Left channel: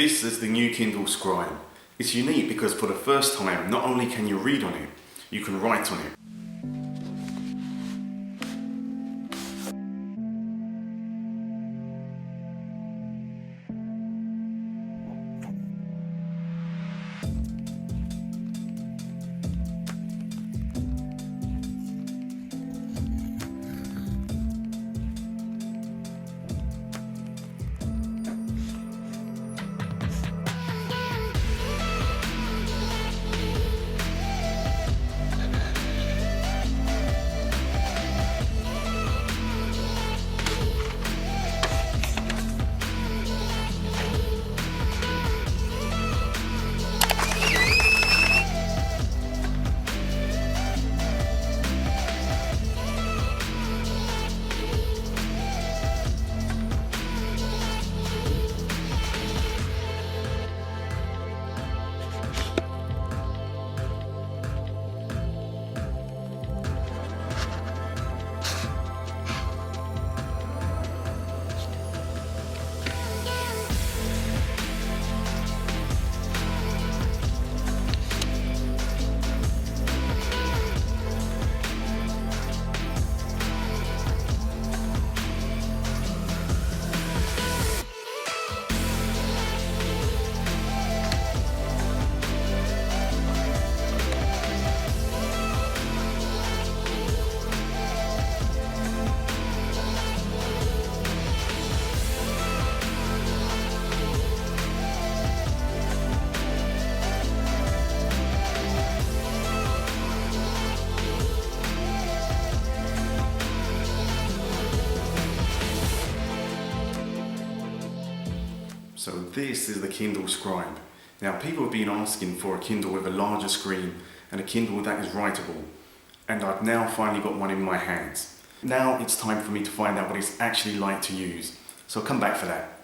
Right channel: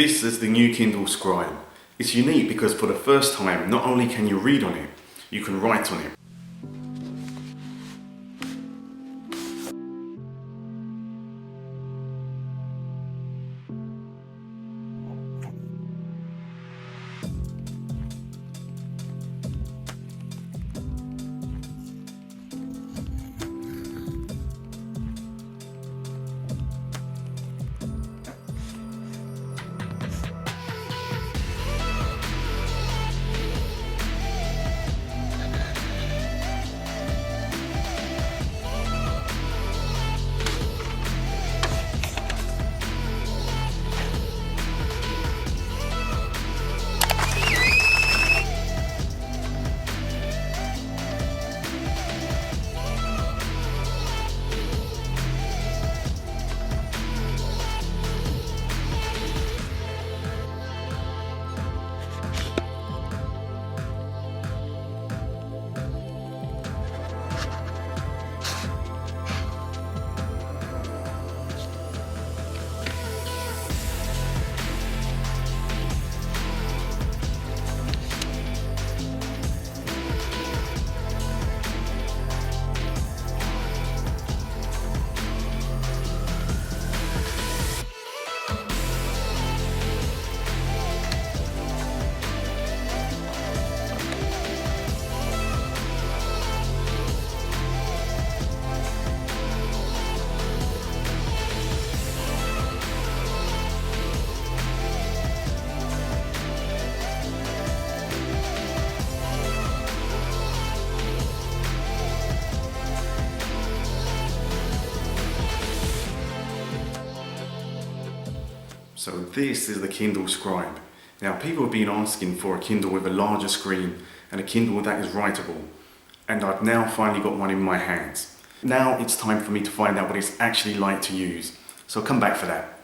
This is the new Kindle Scribe. It's unique because for the first time, not only can you read on it, you can write on it. So this is the Kindle Scribe. Now people have been asking for a Kindle with a larger screen and a Kindle that is writable. And I've now finally got one in my hands. Now it's time for me to find out what it's actually like to use. So come back for that.